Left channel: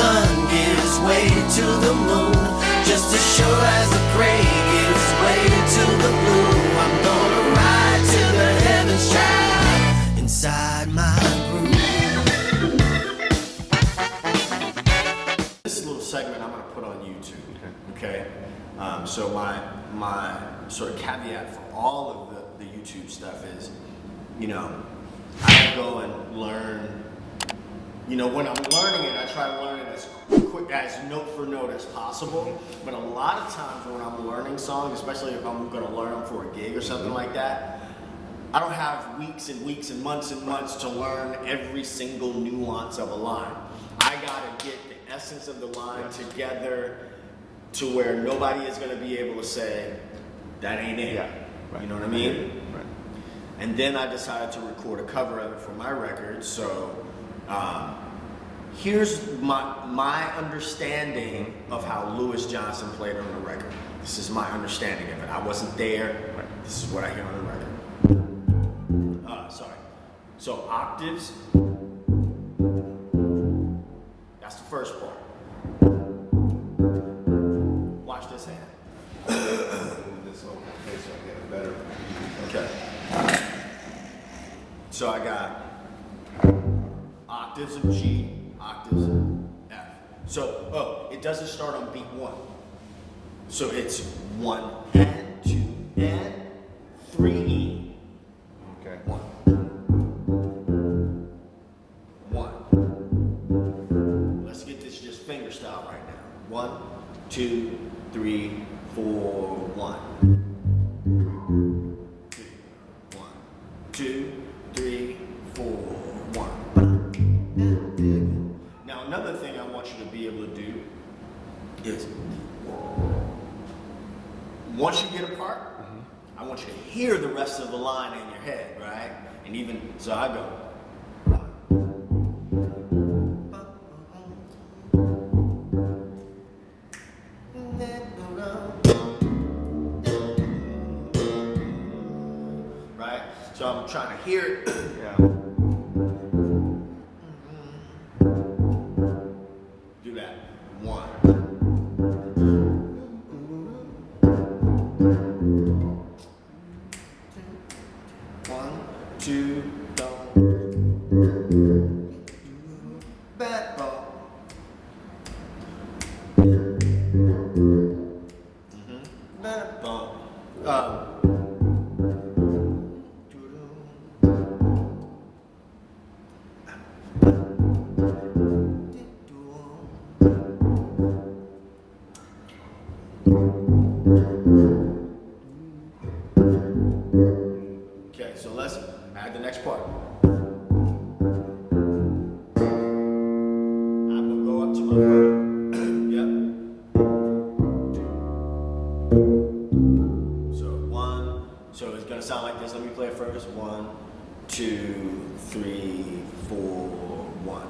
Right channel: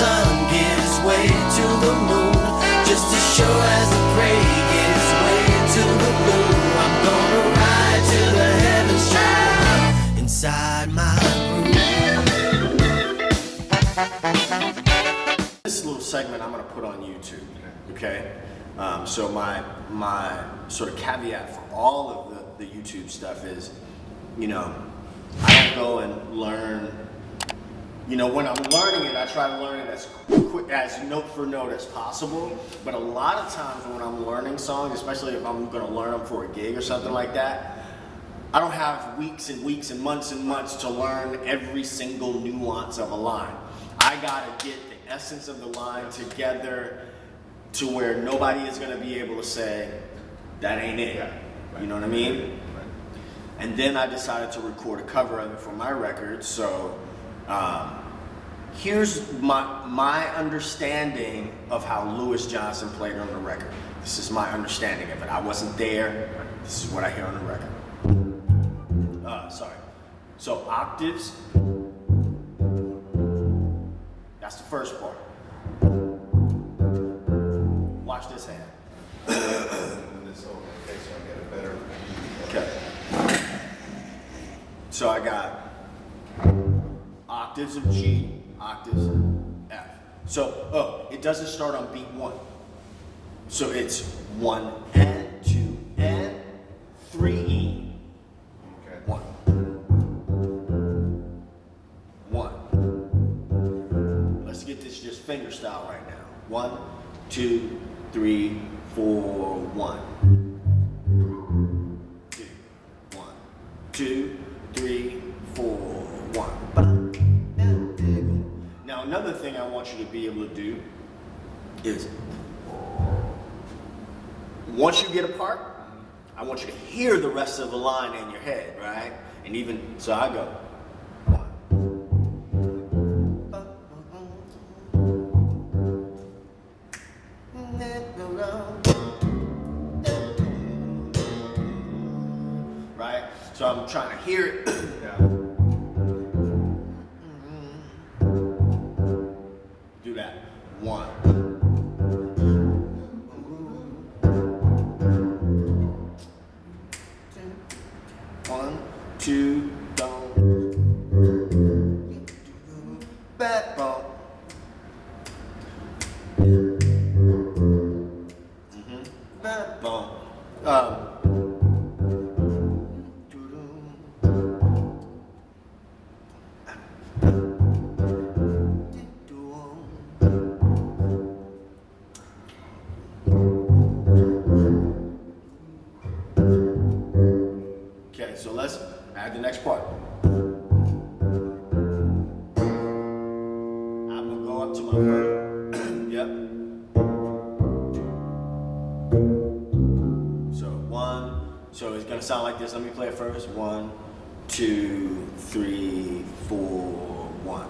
sun gives way to the moon, just as sure as the gray gives way to the blue. I'm gonna ride to the heavens child inside my groove. This little segment I'm gonna put on YouTube, okay? So my sort of caveat for all of the YouTube stuff is, you know, I don't go and learn, you know, when I'm learning it, I try to learn it as quick, as note for note as possible. But a lot of times when I'm learning songs, especially if I'm gonna learn them for a gig or something like that, I don't have weeks and weeks and months to learn every single nuance of a line. I gotta get the essence of the line together to where nobody is gonna be able to say, that ain't it. Yeah. Right. You know what I mean? Right. And then I decided to record a cover of it for my record. So here's my understanding of how Louis Johnson played on the record. This is my understanding of it. I wasn't there. This is what I hear on the record. Sorry. So octaves, that's the first part. Watch this hand. This whole case, so I get it better. Okay. So I got octaves of G, octaves of F. So, it doesn't start on beat 1. So it's 1 and 2 and 3 E. Okay. 1. 1. Let's get this just finger style right now. 1, 2, 3, 4, 1. 2, 3, 4, 1. Now another thing I want you to be able to do is, once you get a part, I want you to hear the rest of the line in your head, right? And even, so I go. Right? So I'm trying to hear it. Yeah. Do that. 1. 1, 2, don't. Backbone. Backbone. Okay, so let's add the next part. I'm gonna go up to my first. Yep. So 1. So it's gonna sound like this. Let me play it first. 1, 2, 3, 4, 1.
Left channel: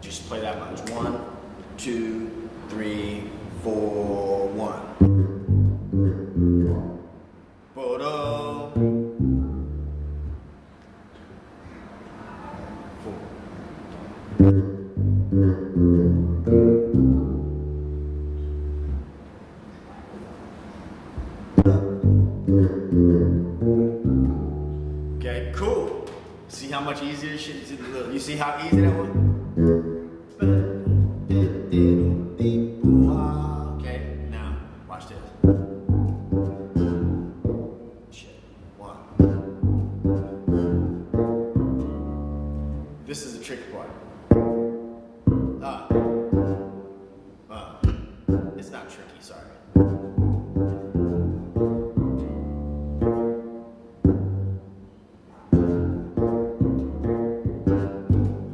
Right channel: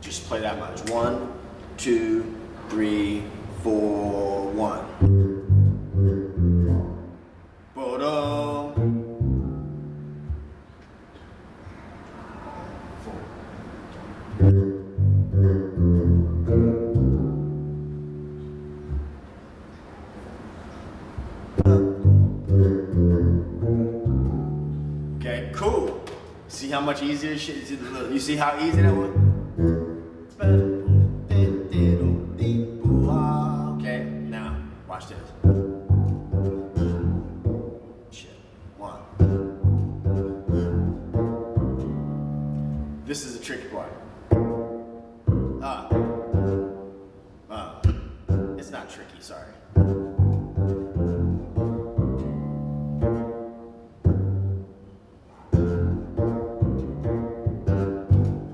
Just play that much. 1, 2, 3, 4, 1. Ba-dum. 4. Okay, cool. See how much easier this shit is? You see how easy that was? Okay, now watch this. Shit. 1. This is the tricky part. It's not tricky, sorry.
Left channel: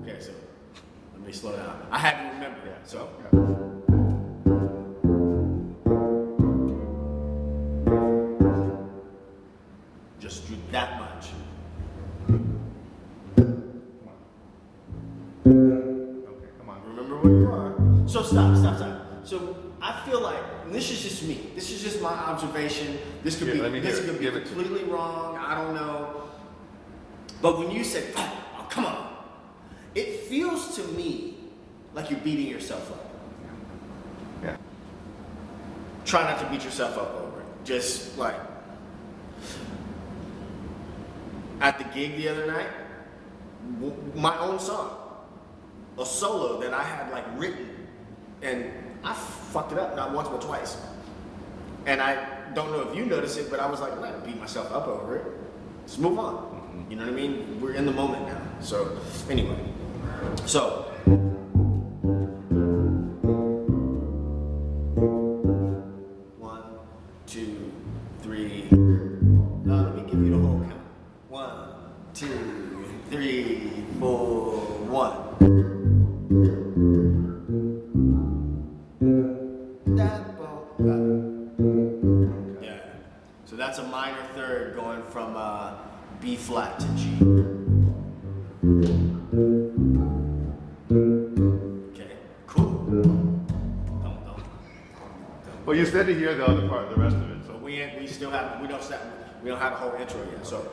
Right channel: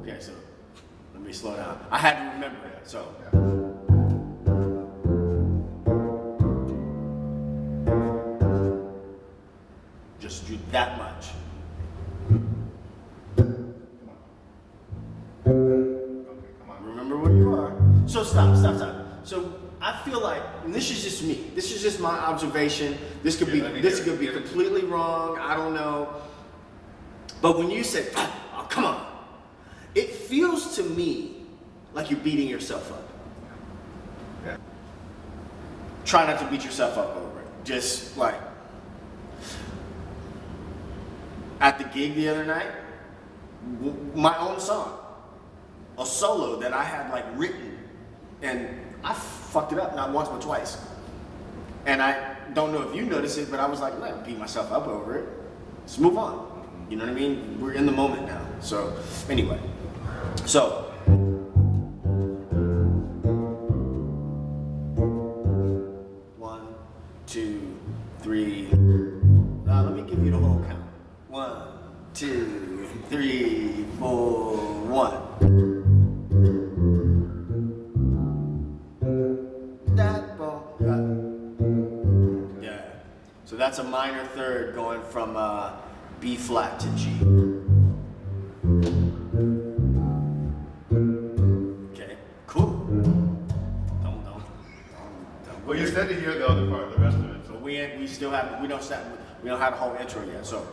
Okay, so let me slow down. I had to remember it, so. Just do that much. Okay, come on. Remember where you are. So stop. So I feel like, and this is just me. This is just my observation. This could be completely wrong. I don't know. But when you say, oh, come on, it feels to me like you're beating yourself up. Yeah. Try not to beat yourself up over it. Just like, at the gig the other night, my own song, a solo that I had like written, and I fucked it up not once but twice. And I don't know if you noticed it, but I was like, I'm not gonna beat myself up over it. Let's move on. You know what I mean? We're in the moment now. So anyway, so one, two, three. Let me give you the whole count. 1, 2, 3, 4, 1. That boom. Yeah. So that's a minor third going from B flat to G. Okay. Cool. Don't. Well, you said to hear the other part, the rest of it. So we don't have the whole intro yet. So.